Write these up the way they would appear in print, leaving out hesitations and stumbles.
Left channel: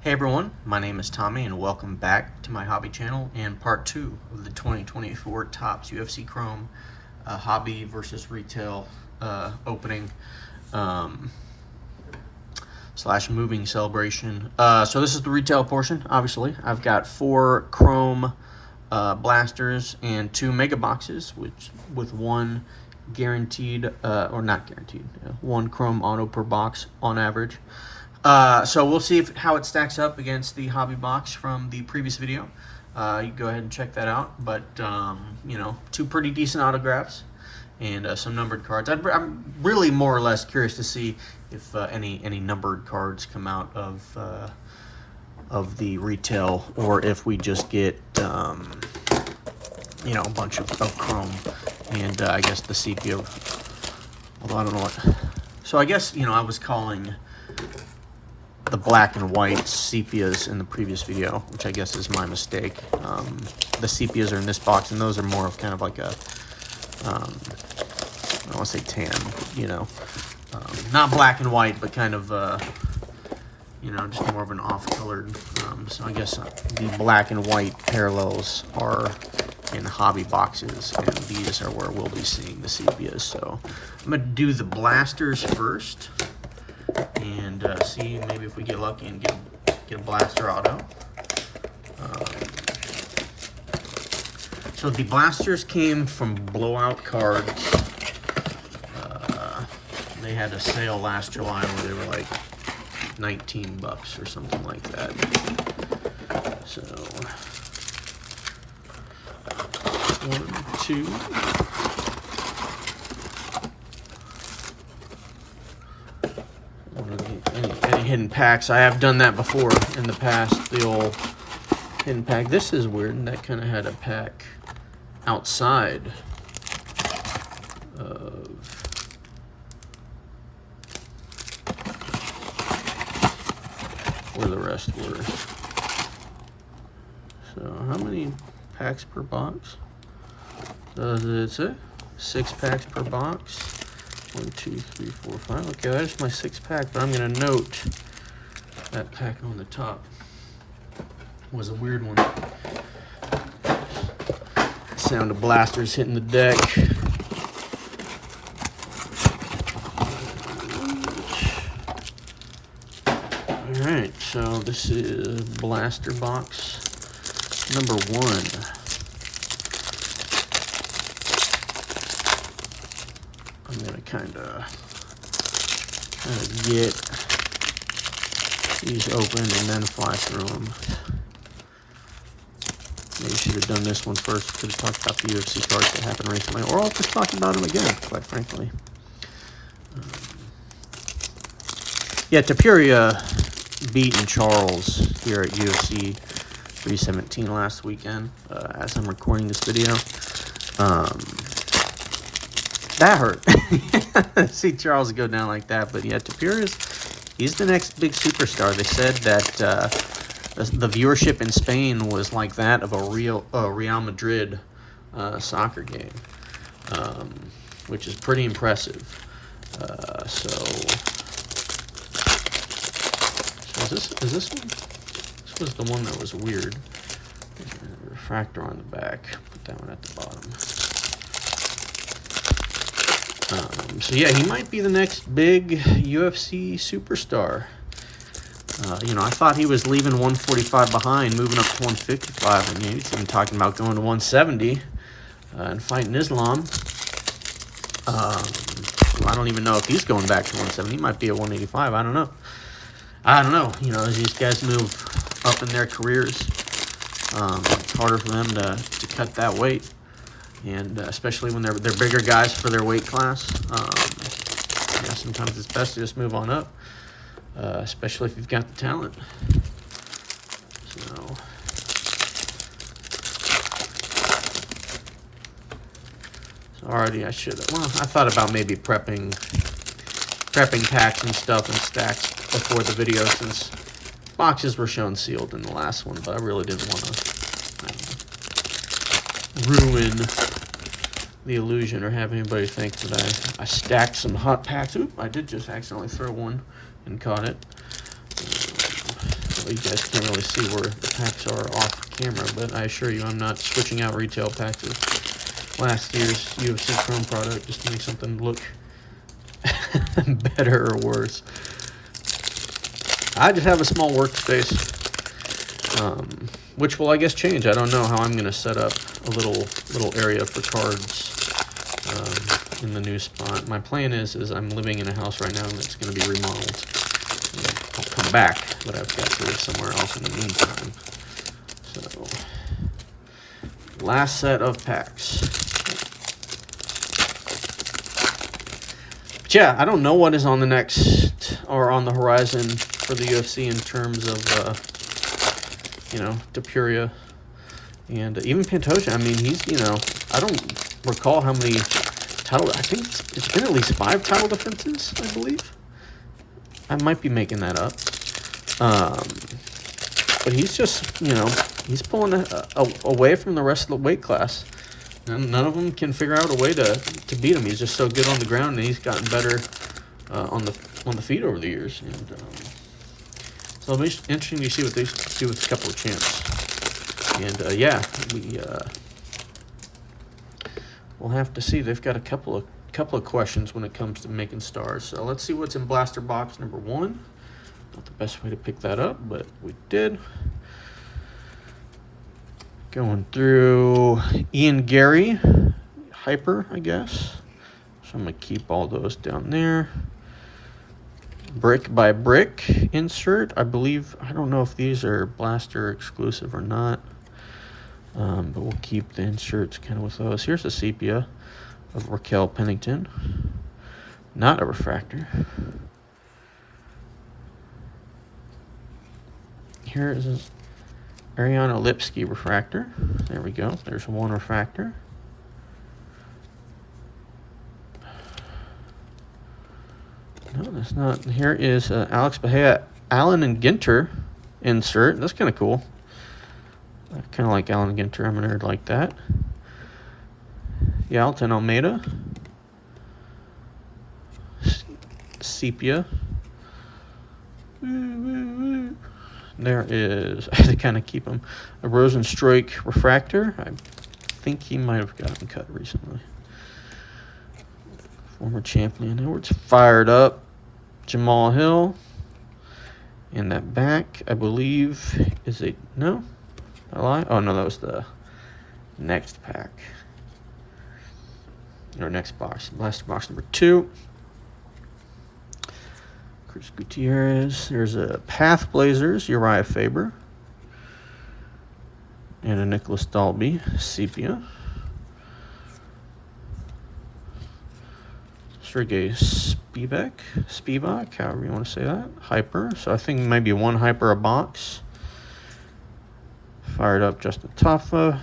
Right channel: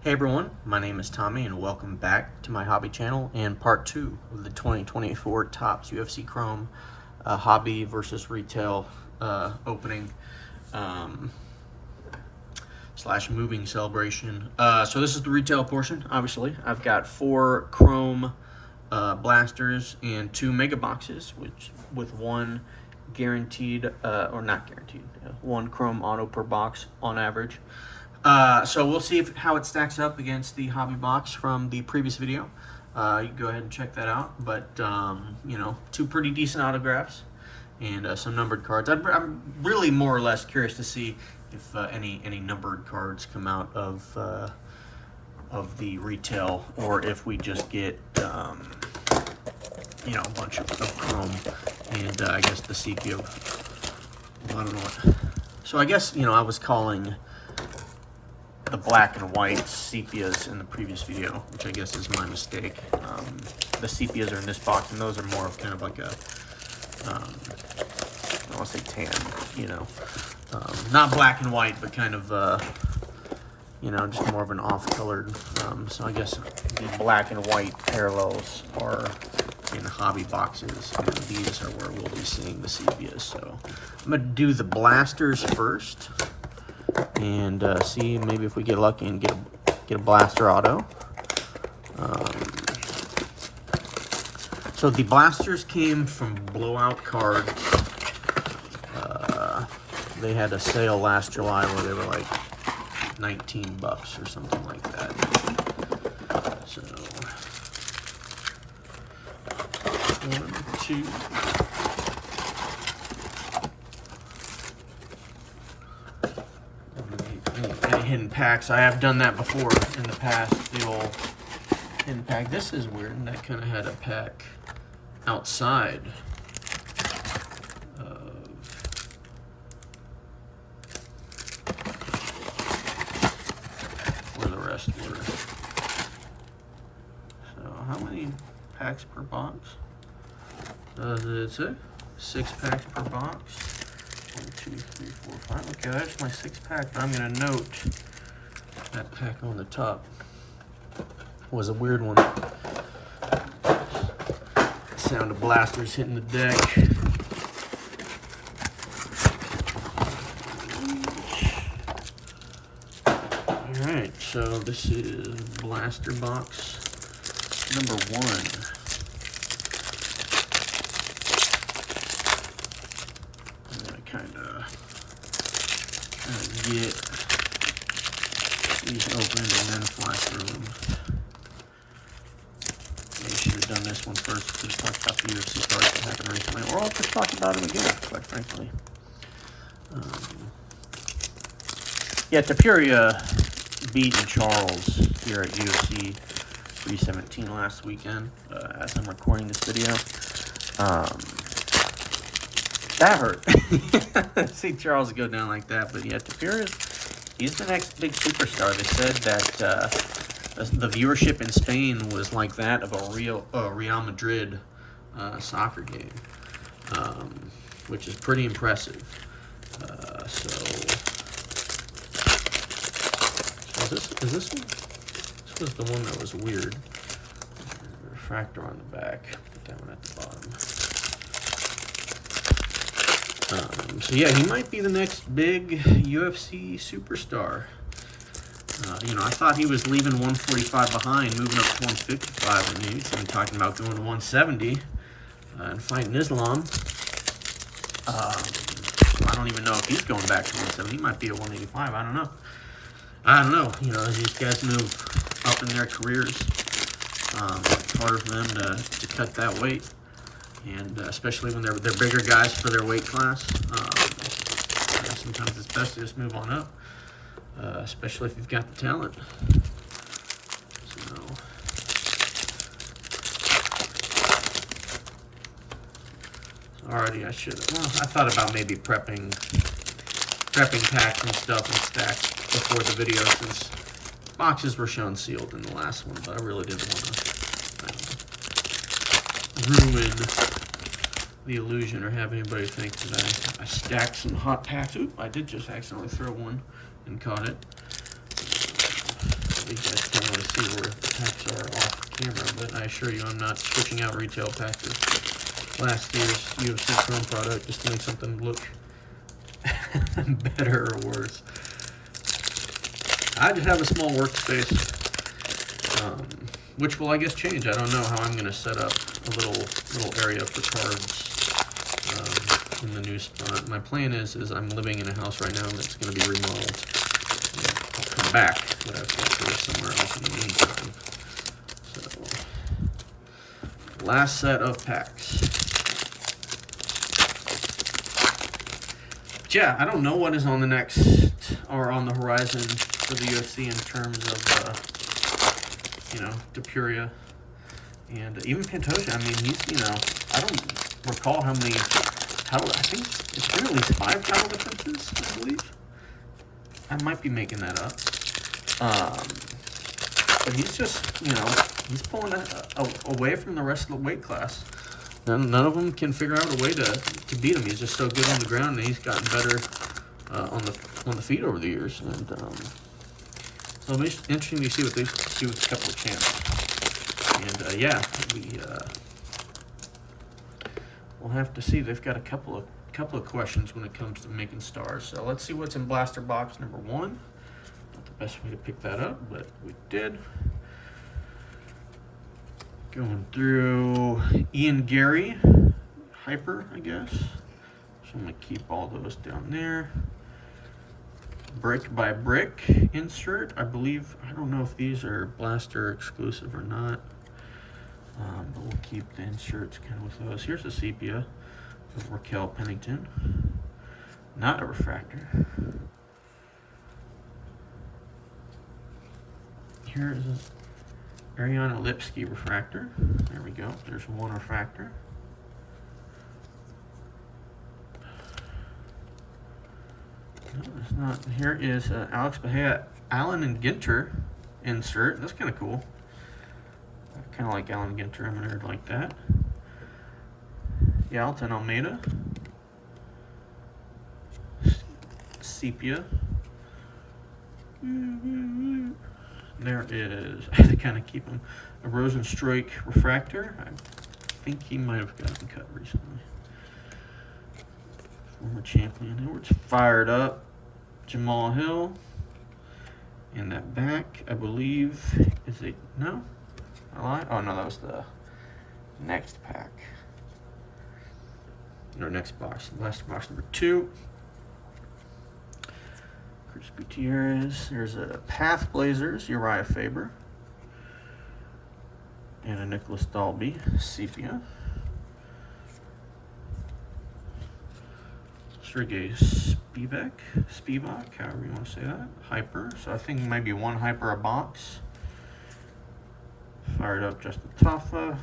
Hey everyone, my name is Tommy and welcome back to my hobby channel and part 2 of the 2024 Topps UFC Chrome hobby versus retail opening slash moving celebration. So this is the retail portion, obviously. I've got 4 Chrome blasters and 2 mega boxes, which with one guaranteed, or not guaranteed, 1 Chrome auto per box on average. So we'll see how it stacks up against the hobby box from the previous video. You can go ahead and check that out. But, you know, 2 pretty decent autographs and some numbered cards. I'm really more or less curious to see if any numbered cards come out of the retail, or if we just get, you know, a bunch of Chrome and I guess the sepia. Well, I don't know what. So I guess, you know, I was calling the black and white sepias in the previous video, which I guess is my mistake. The sepias are in this box, and those are more of kind of like a, I don't want to say tan, you know, not black and white, but kind of, you know, just more of an off-colored. So I guess the black and white parallels are in hobby boxes, and these are where we'll be seeing the sepias. So I'm gonna do the blasters first, and see maybe if we get lucky and get a blaster auto. So the blasters came from Blowout Cards. They had a sale last July where they were like $19 or something like that. So 1, 2. Any hidden packs. I have done that before in the past, the old hidden pack. This is weird. That kind of had a pack outside of where the rest were. So how many packs per box does it say? 6 packs per box. 1, 2, 3, 4, 5. Okay, there's my 6 pack, but I'm going to note that pack on the top was a weird one. Sound of blasters hitting the deck. Alright, so this is blaster box number 1. I'm going to kind of get these opened and then fly through them. Maybe should have done this one first to talk about the UFC cards that happened recently, or I'll just talk about them again, quite frankly. Yeah, Tapuria beating Charles here at UFC 317 last weekend, as I'm recording this video. That hurt. See Charles go down like that, but yeah, Tapiria's, he's the next big superstar. They said that the viewership in Spain was like that of a Real Madrid soccer game, which is pretty impressive. So is this one? This was the one that was weird. Refractor on the back. Put that one at the bottom. So yeah, he might be the next big UFC superstar. You know, I thought he was leaving 145 behind, moving up to 155. I mean, he's been talking about going to 170 and fighting Islam. I don't even know if he's going back to 170. He might be at 185. I don't know. You know, as these guys move up in their careers, it's harder for them to cut that weight. And especially when they're bigger guys for their weight class, yeah, sometimes it's best to just move on up, especially if you've got the talent. So already I should have. Well, I thought about maybe prepping packs and stuff and stacks before the video, since boxes were shown sealed in the last one, but I really didn't want to ruin the illusion or have anybody think that I stacked some hot packs. Oop, I did just accidentally throw one and caught it. you guys can't really see where the packs are off camera, but I assure you I'm not switching out retail packs of last year's UFC Chrome product just to make something look better or worse. I just have a small workspace, which will, I guess, change. I don't know how I'm going to set up a little area for cards in the new spot. My plan is I'm living in a house right now that's going to be remodeled. I'll come back, but I've got to live somewhere else in the meantime. So, last set of packs. But yeah, I don't know what is on the next or on the horizon for the UFC in terms of, Depuria and even Pantoja. I mean, he's, I don't recall how many title. I think it's been at least 5 title defenses, I believe. I might be making that up. But he's just, he's pulling away from the rest of the weight class. None of them can figure out a way to beat him. He's just so good on the ground, and he's gotten better on the feet over the years. And so it'll be interesting to see what they do with a couple of champs. And we'll have to see. They've got a couple of questions when it comes to making stars. So let's see what's in blaster box number 1. Not the best way to pick that up, but we did. Going through Ian Gary, Hyper, I guess. So I'm going to keep all those down there. Brick by Brick insert. I believe, I don't know if these are blaster exclusive or not. But we'll keep the inserts kind of with those. Here's a sepia of Raquel Pennington. Not a refractor. Here is a Ariana Lipsky refractor. There we go. There's one refractor. No, that's not. Here is Alex Bahia, Allen and Ginter insert. That's kind of cool. I kind of like Allen Ginter. I'm a nerd like that. Yalton Almeida. Sepia. There is, I had to kind of keep him, a Rosenstreich refractor. I think he might have gotten cut recently. Former champion Edwards. Fired up. Jamal Hill. And that back, I believe, is a, no? I lie? Oh, no, that was the next pack. Or next box. Last box number 2. Chris Gutierrez. There's a Path Blazers, Uriah Faber. And a Nicholas Dalby, Sepia. Sergei Spivak, however you want to say that. Hyper. So I think maybe one Hyper a box. Fired up Justin Tafa.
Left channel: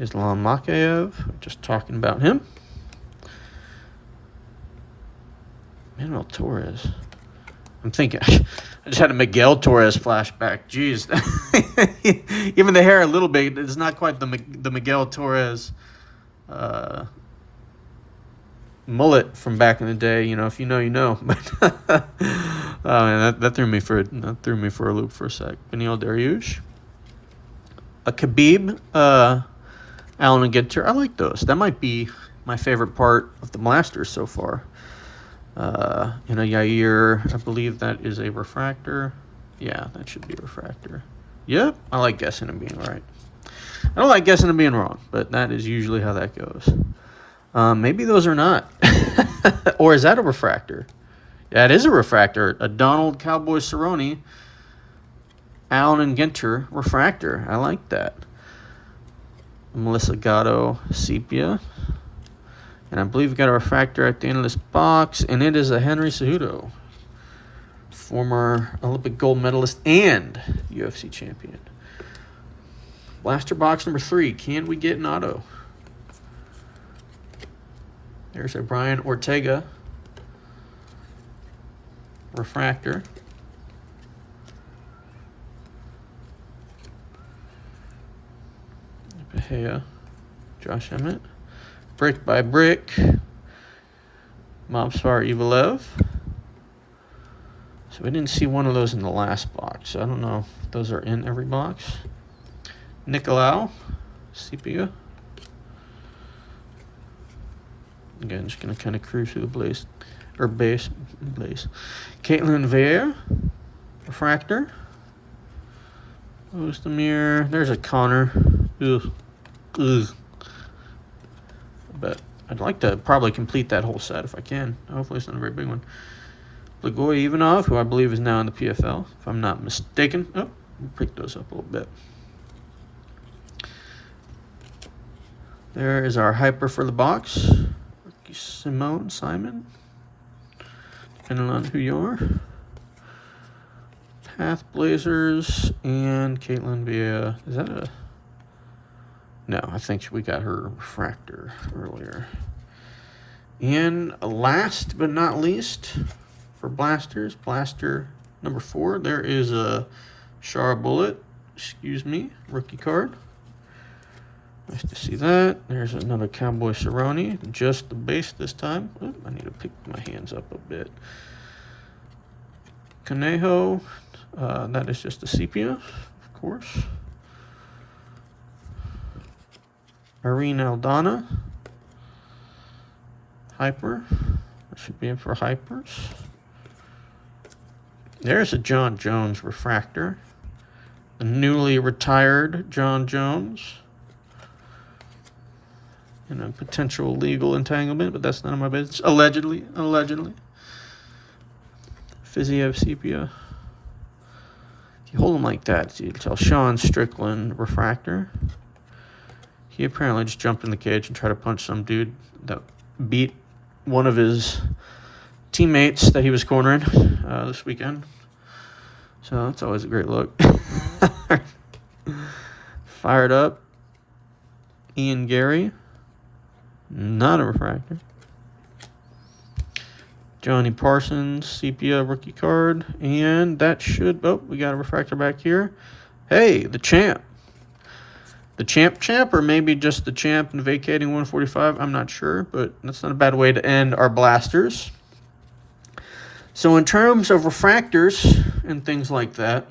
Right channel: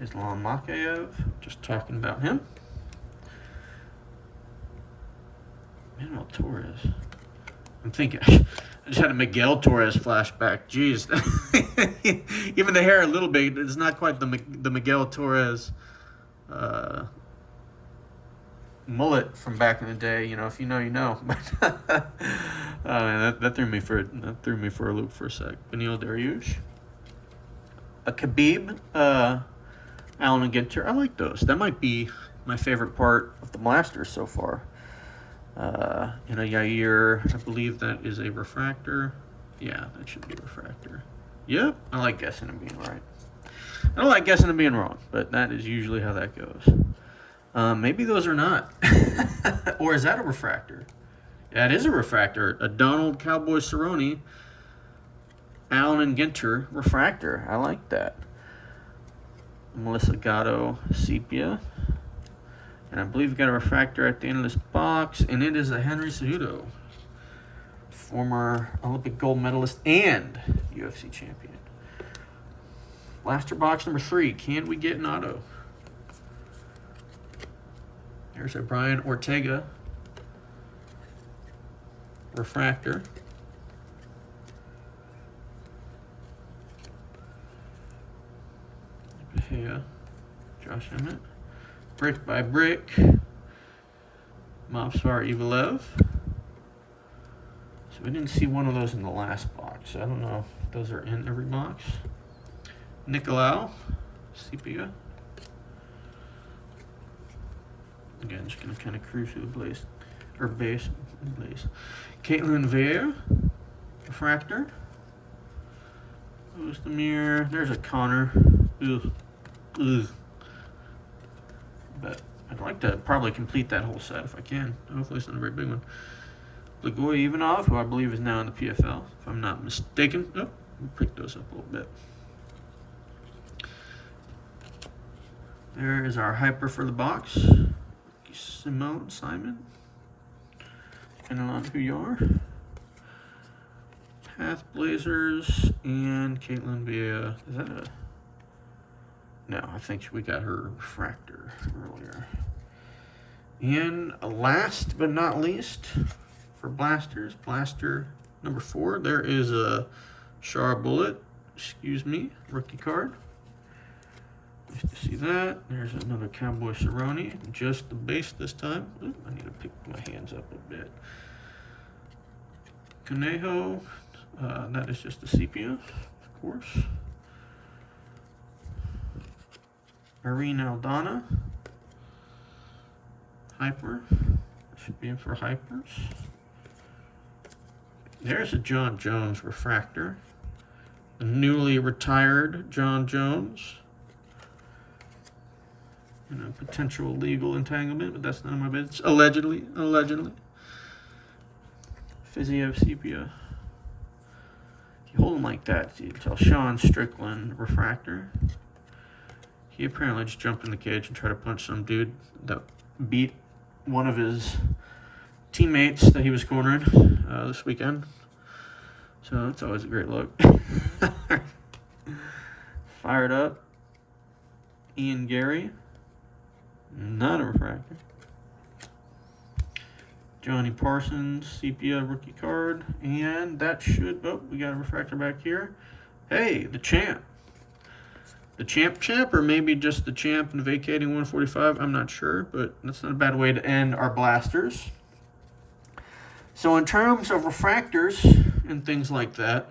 Islam Makayev. Just talking about him. Manuel Torres. I'm thinking, I just had a Miguel Torres flashback. Jeez. Even the hair a little bit. It's not quite the Miguel Torres mullet from back in the day. If you know, you know. Oh, man, that threw me for a loop for a sec. Beneil Dariush. A Khabib, Allen and Ginter. I like those. That might be my favorite part of the blasters so far. Yair, I believe that is a refractor. Yeah, that should be a refractor. Yep, I like guessing and being right. I don't like guessing and being wrong, but that is usually how that goes. Maybe those are not. Or is that a refractor? Yeah, it is a refractor. A Donald Cowboy Cerrone, Allen and Ginter refractor. I like that. Melissa Gatto Sepia. And I believe we got a refractor at the end of this box, and it is a Henry Cejudo, former Olympic gold medalist and UFC champion. Blaster box number 3. Can we get an auto? There's a Brian Ortega refractor. Bahia, Josh Emmett. Brick by Brick, Mobsvar Evelev. So I didn't see one of those in the last box. So I don't know if those are in every box. Nicolau, sepia. Again, just gonna kind of cruise through the base. Caitlin Vieira, refractor. Who's the mirror? There's a Connor. Ugh. But I'd like to probably complete that whole set if I can. Hopefully it's not a very big one. Blagoy Ivanov, who I believe is now in the PFL, if I'm not mistaken. Oh, we'll pick those up a little bit. There is our hyper for the box. Simon. Depending on who you are. Path Blazers and Caitlin Vieira. Is that a... No, I think we got her refractor earlier. And last but not least, for blasters, blaster number 4, there is a Shara Bullet, rookie card. Nice to see that. There's another Cowboy Cerrone, just the base this time. Oh, I need to pick my hands up a bit. Conejo, that is just a sepia, of course. Irene Aldana, hyper. That should be in for hypers. There's a John Jones refractor. The newly retired John Jones. And a potential legal entanglement, but that's none of my business. Allegedly. Fiziev sepia. If you hold them like that, you can tell Sean Strickland refractor. He apparently just jumped in the cage and tried to punch some dude that beat one of his teammates that he was cornering this weekend. So that's always a great look. Fired up. Ian Gary. Not a refractor. Johnny Parsons, sepia rookie card. And that should... Oh, we got a refractor back here. Hey, the champ. The champ, or maybe just the champ and vacating 145. I'm not sure, but that's not a bad way to end our blasters. So in terms of refractors and things like that,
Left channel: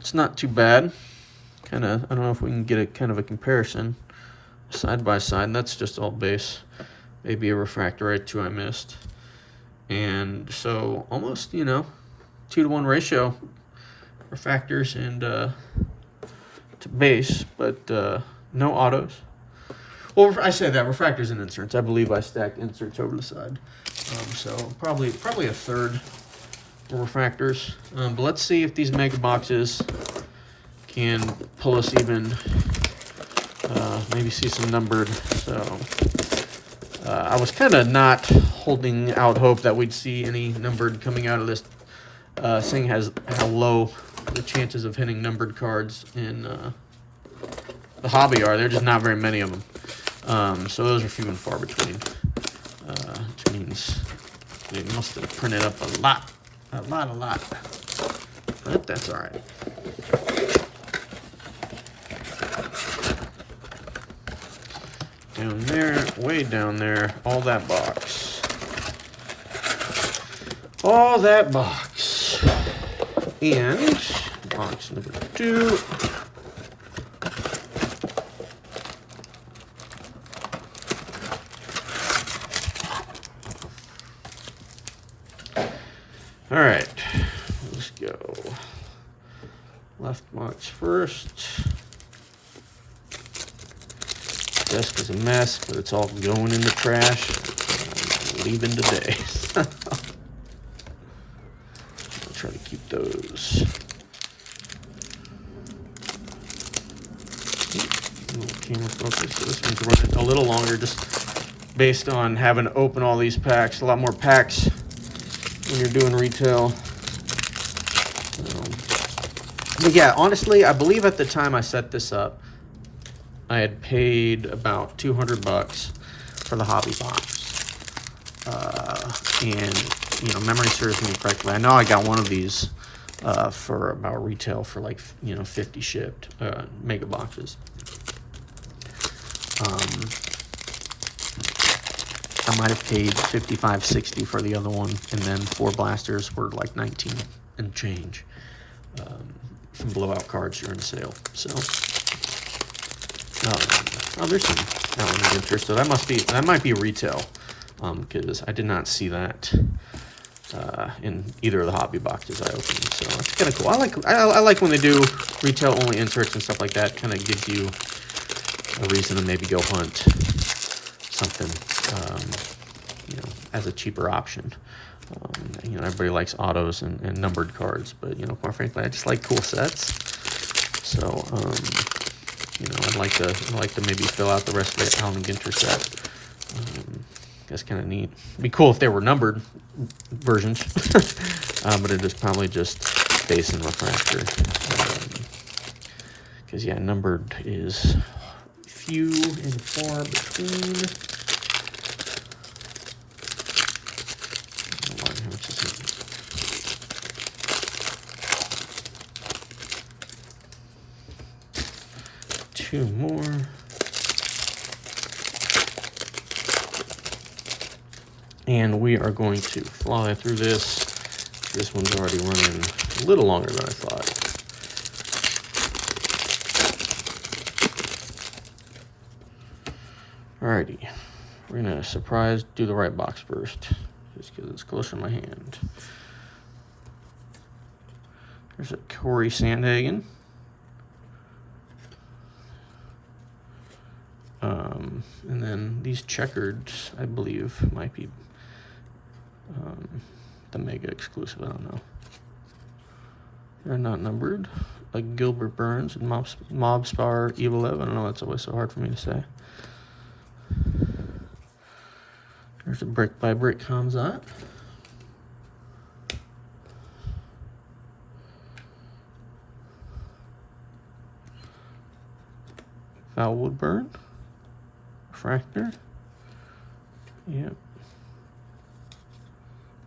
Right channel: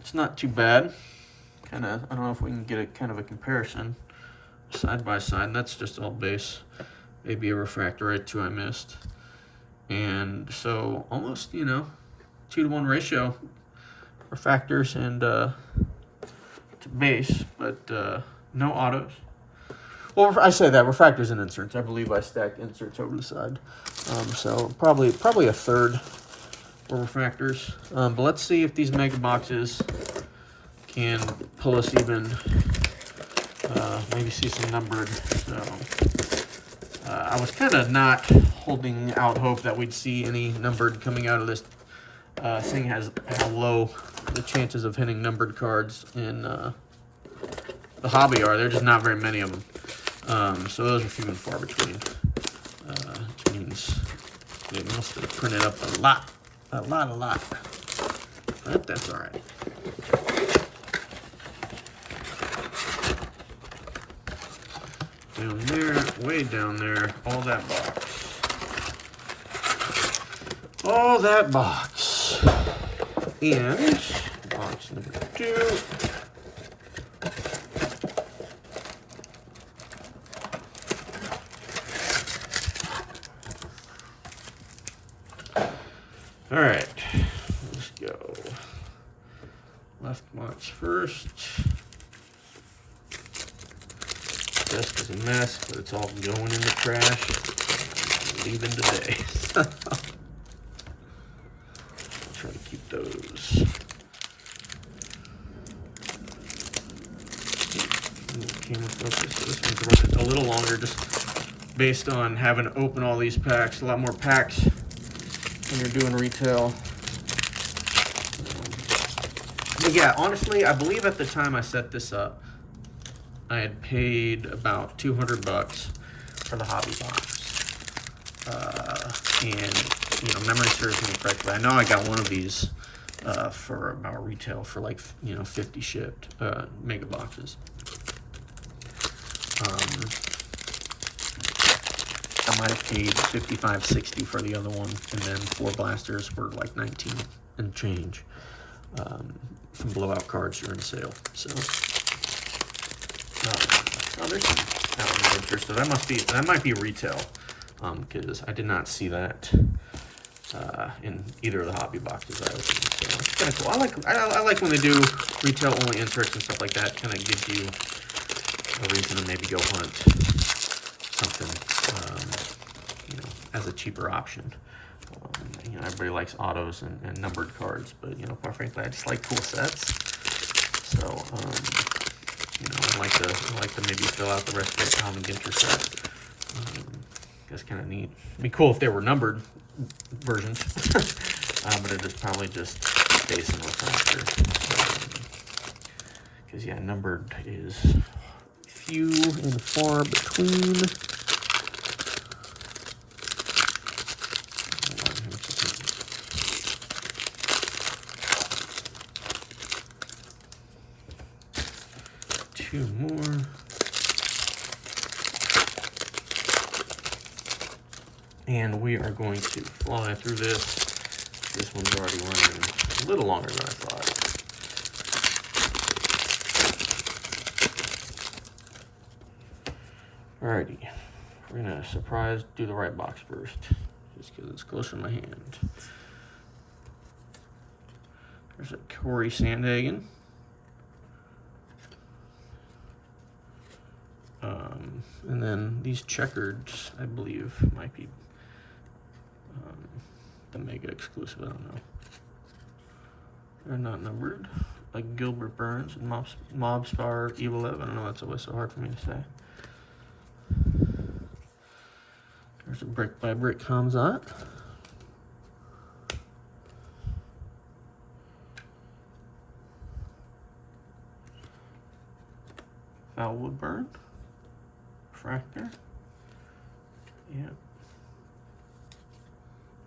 it's not too bad. I don't know if we can get a kind of a comparison side by side. And that's just all base. Maybe a refractor or 2 I missed. And so almost, 2-to-1 ratio refractors and to base, but no autos. Well, I say that refractors and inserts. I believe I stacked inserts over the side. So probably a third for refractors. But let's see if these mega boxes can pull us even. Maybe see some numbered. So I was kind of not holding out hope that we'd see any numbered coming out of this, seeing how low the chances of hitting numbered cards in the hobby are. There are just not very many of them. So those are few and far between. Which means they must have printed up a lot. But that's all right. Down there, way down there, all that box. And box number 2. All right, let's go. Left box first. Desk is a mess, but it's all going in the trash. I'm leaving today. I'll try to keep those. Camera focus. So this one's running a little longer, just based on having to open all these packs. A lot more packs when you're doing retail. But yeah, honestly, I believe at the time I set this up, I had paid about $200 for the hobby box. And, memory serves me correctly. I know I got one of these for about retail for 50 shipped mega boxes. I might have paid $55.60 for the other one, and then 4 blasters were like 19 and change. Some blowout cards during the sale. So, oh, there's some interest. So that might be retail, because I did not see that in either of the hobby boxes I opened. So that's kind of cool. I like when they do retail only inserts and stuff like that. Kind of gives you a reason to maybe go hunt something, as a cheaper option. Everybody likes autos and numbered cards, but quite frankly, I just like cool sets. So, I'd like to maybe fill out the rest of the Allen Ginter set. That's kind of neat. It'd be cool if they were numbered versions, but it is probably just base and refractor. Because numbered is few and far between. 2 more. And we are going to fly through this. This one's already running a little longer than I thought. Alrighty. We're going to do the right box first, just because it's closer in my hand. There's a Corey Sandhagen. And then these checkers, I believe, might be the Mega exclusive. I don't know. They're not numbered. Like Gilbert Burns and Mobstar Evil. I don't know. That's always so hard for me to say. There's a brick by brick Kamzat. Val Woodburn. Refractor. Yep.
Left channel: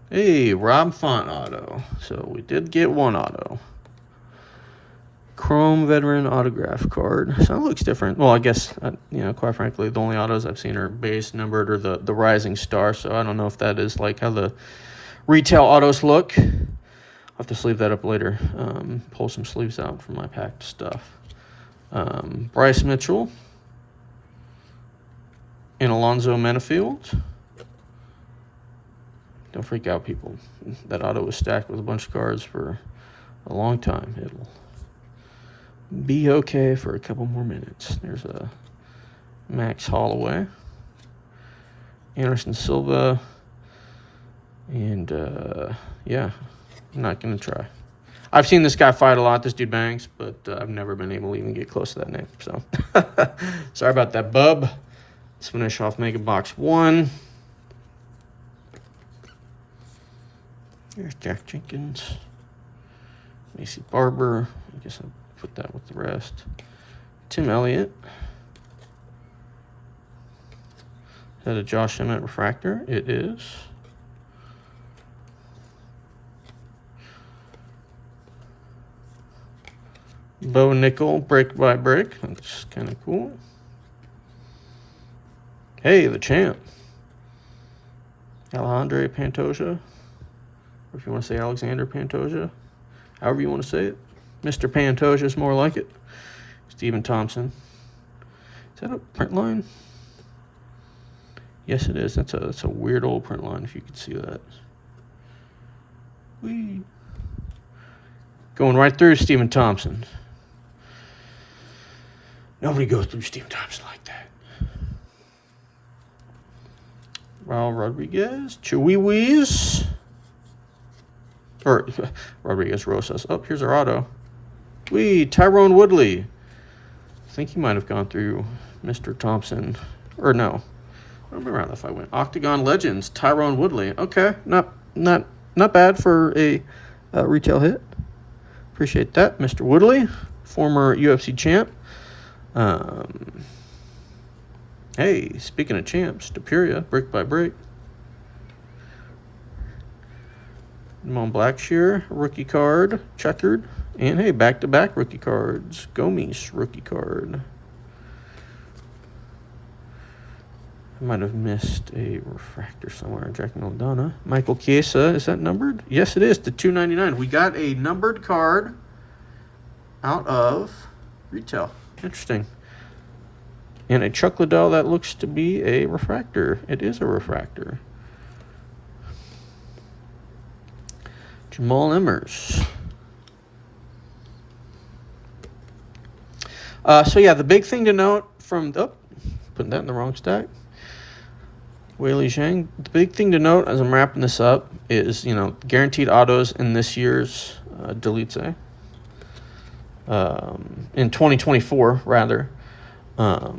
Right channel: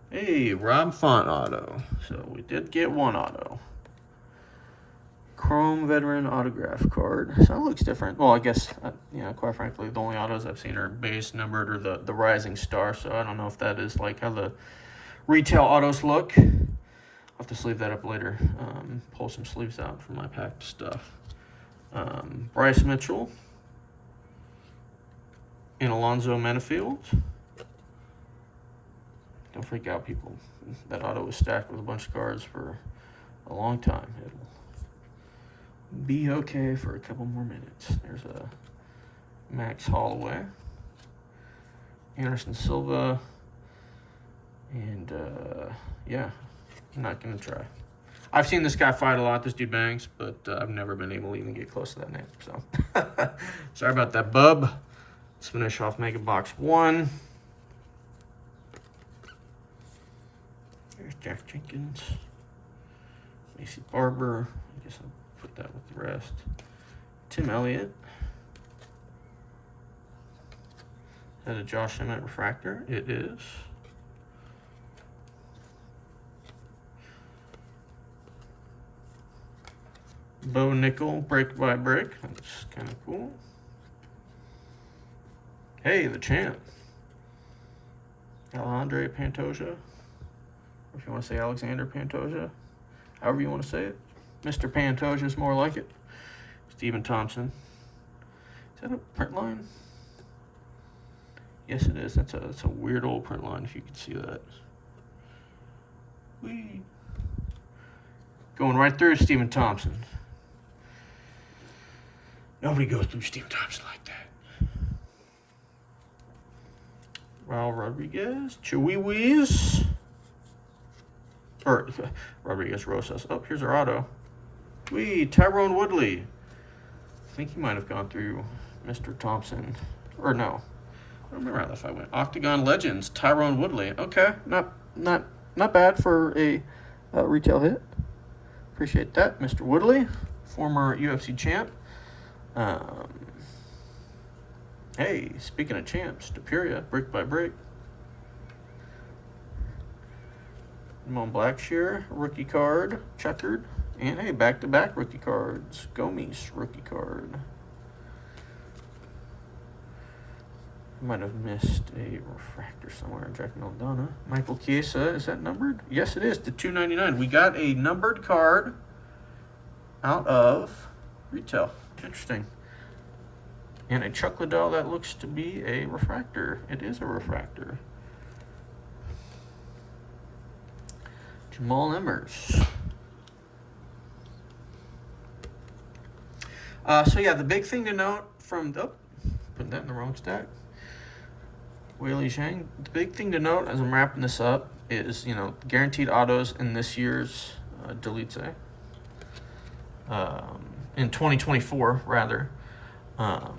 Hey, Rob Font auto. So we did get one auto. Chrome veteran autograph card. So it looks different. Well, I guess, quite frankly, the only autos I've seen are base, numbered, or the Rising Star. So I don't know if that is like how the retail autos look. I'll have to sleeve that up later. Pull some sleeves out from my packed stuff. Bryce Mitchell. And Alonzo Menafield. Don't freak out, people. That auto was stacked with a bunch of cards for a long time. It'll be okay for a couple more minutes. There's a Max Holloway. Anderson Silva. And, I'm not going to try. I've seen this guy fight a lot. This dude bangs, but I've never been able to even get close to that name. So, sorry about that, bub. Let's finish off Mega Box 1. There's Jack Jenkins. Macy Barber. I guess I'll put that with the rest. Tim Elliott. Is that a Josh Emmett refractor? It is. Bo Nickel, brick by brick. That's kind of cool. Hey, the champ. Alejandro Pantoja. Or if you want to say Alexander Pantoja. However you want to say it. Mr. Pantoja is more like it. Stephen Thompson. Is that a print line? Yes, it is. That's a weird old print line, if you could see that. Whee. Going right through Stephen Thompson. Nobody goes through Stephen Thompson like that. Raul Rodriguez, Chewies, or Rodriguez Rosas. Oh, here's our auto. Tyrone Woodley. I think he might have gone through Mr. Thompson, or no. I don't remember how that fight went. Octagon Legends, Tyrone Woodley. Okay, not bad for a retail hit. Appreciate that, Mr. Woodley, former UFC champ. Hey, speaking of champs, Deperia, brick by brick. Ramon Blackshear, rookie card, checkered. And hey, back-to-back rookie cards. Gomes, rookie card. I might have missed a refractor somewhere. Jack Maldana. Michael Chiesa, is that numbered? Yes, it is, to 299. We got a numbered card out of retail. Interesting. And a Chuck Liddell that looks to be a refractor. It is a refractor. Jamal Emmers. So yeah, the big thing to note from, putting that in the wrong stack. Weili Zhang. The big thing to note as I'm wrapping this up is, guaranteed autos in this year's Delete. In 2024, rather. What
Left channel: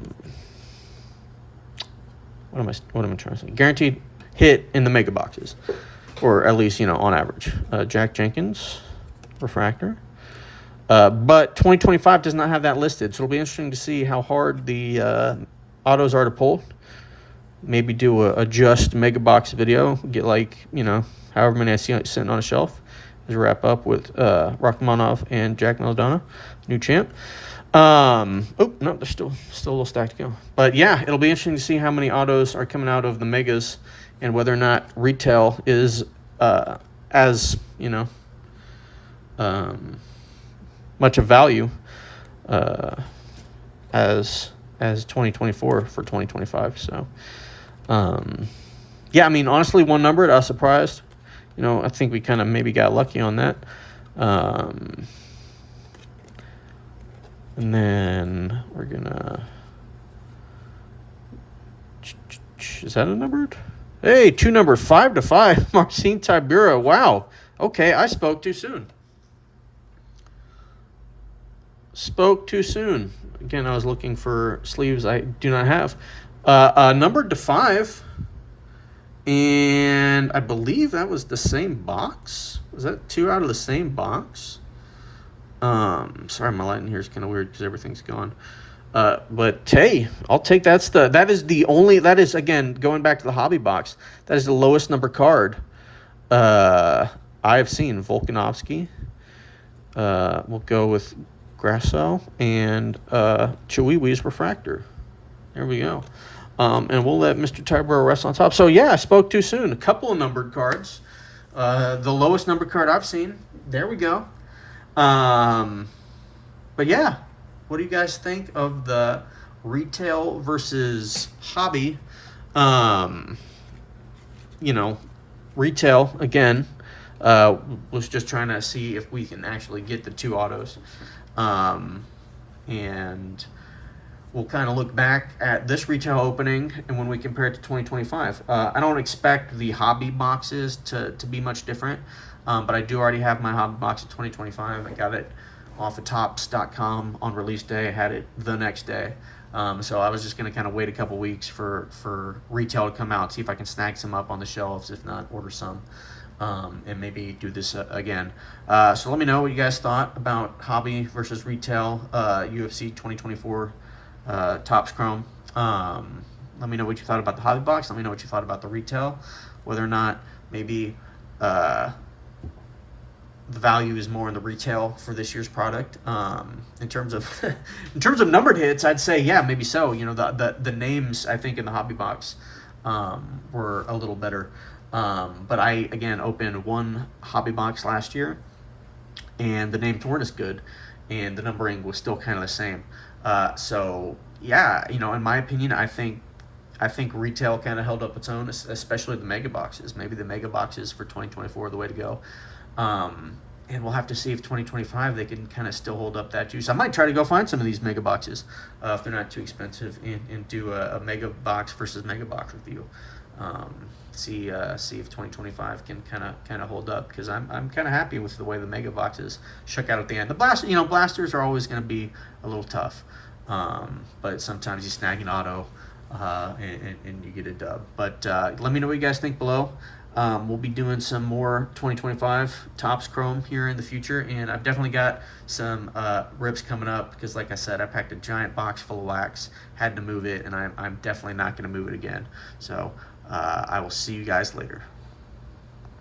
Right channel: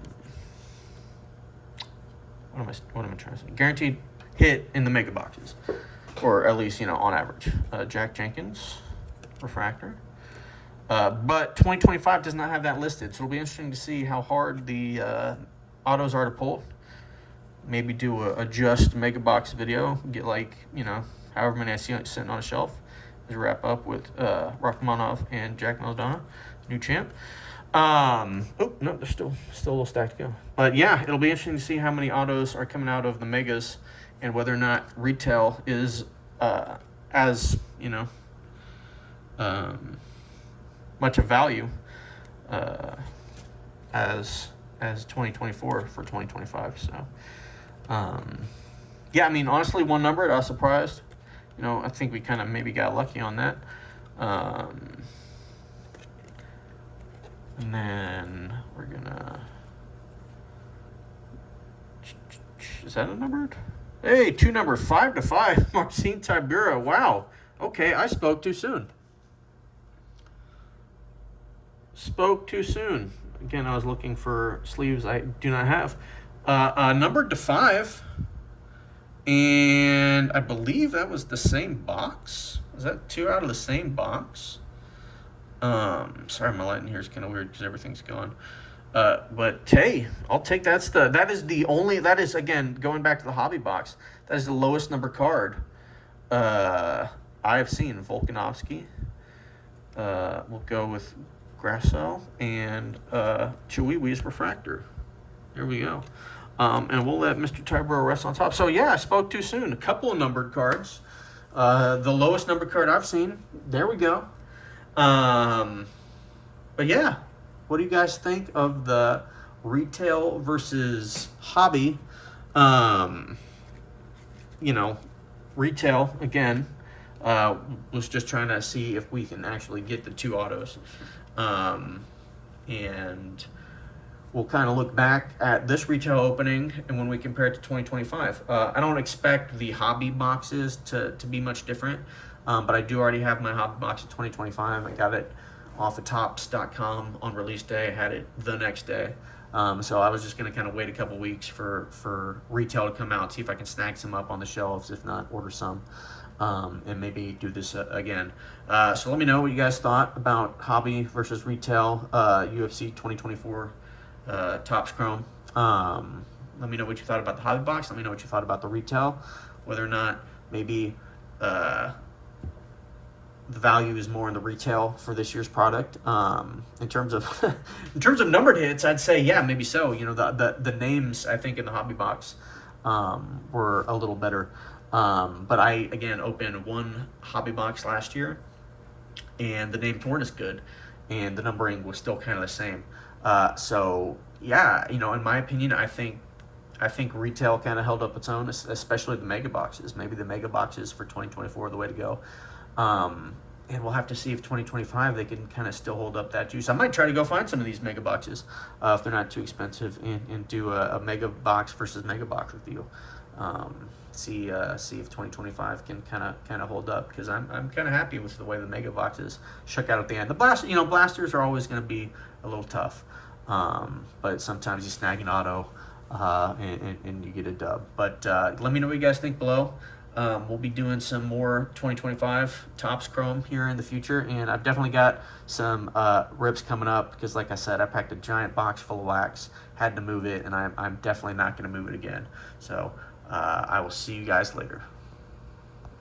am I trying to say? Guaranteed hit in the mega boxes, or at least on average. Jack Jenkins, refractor. But 2025 does not have that listed, so it'll be interesting to see how hard the autos are to pull. Maybe do a just mega box video, get however many I see sitting on a shelf. As we wrap up with Rachmanov and Jack Maldana, new champ. No, there's still a little stack to go. But yeah, it'll be interesting to see how many autos are coming out of the megas and whether or not retail is as much of value as 2024 for 2025. So yeah, honestly, one numbered, I was surprised. I think we kind of maybe got lucky on that. And then we're gonna, is that a numbered? Hey, 2 number 5/5, Marcin Tybura. Wow. Okay, I spoke too soon. Again, I was looking for sleeves I do not have. Numbered to 5. And I believe that was the same box. Was that 2 out of the same box? Sorry, my lighting here is kind of weird because everything's gone. But hey, I'll take that is again, going back to the hobby box, that is the lowest number card I've seen. Volkanovski. We'll go with Grasso and Chihuihui's refractor. There we go. And we'll let Mr. Tybura rest on top. So yeah, I spoke too soon. A couple of numbered cards. The lowest numbered card I've seen. There we go. But yeah, what do you guys think of the retail versus hobby? Retail, again, was just trying to see if we can actually get the 2 autos. And we'll kind of look back at this retail opening and when we compare it to 2025. I don't expect the hobby boxes to be much different, but I do already have my hobby box in 2025. I got it off of Topps.com on release day. I had it the next day. So I was just going to kind of wait a couple weeks for retail to come out, see if I can snag some up on the shelves. If not, order some. And maybe do this again. So let me know what you guys thought about hobby versus retail UFC 2024 Topps Chrome. Let me know what you thought about the hobby box. Let me know what you thought about the retail. Whether or not maybe the value is more in the retail for this year's product. In terms of numbered hits, I'd say yeah, maybe so. The names I think in the hobby box were a little better. But I again opened 1 hobby box last year, and the names weren't as good, and the numbering was still kind of the same. So yeah, in my opinion, I think retail kind of held up its own, especially the mega boxes. Maybe the mega boxes for 2024 are the way to go. And we'll have to see if 2025 they can kind of still hold up that juice. I might try to go find some of these mega boxes if they're not too expensive, and do a mega box versus mega box review. See if 2025 can kind of hold up, because I'm kind of happy with the way the mega boxes shook out at the end. The blasters are always going to be a little tough, but sometimes you snag an auto and you get a dub. But let me know what you guys think below. We'll be doing some more 2025 Topps Chrome here in the future, and I've definitely got some rips coming up, because like I said, I packed a giant box full of wax, had to move it, and I'm definitely not going to move it again. So I will see you guys later.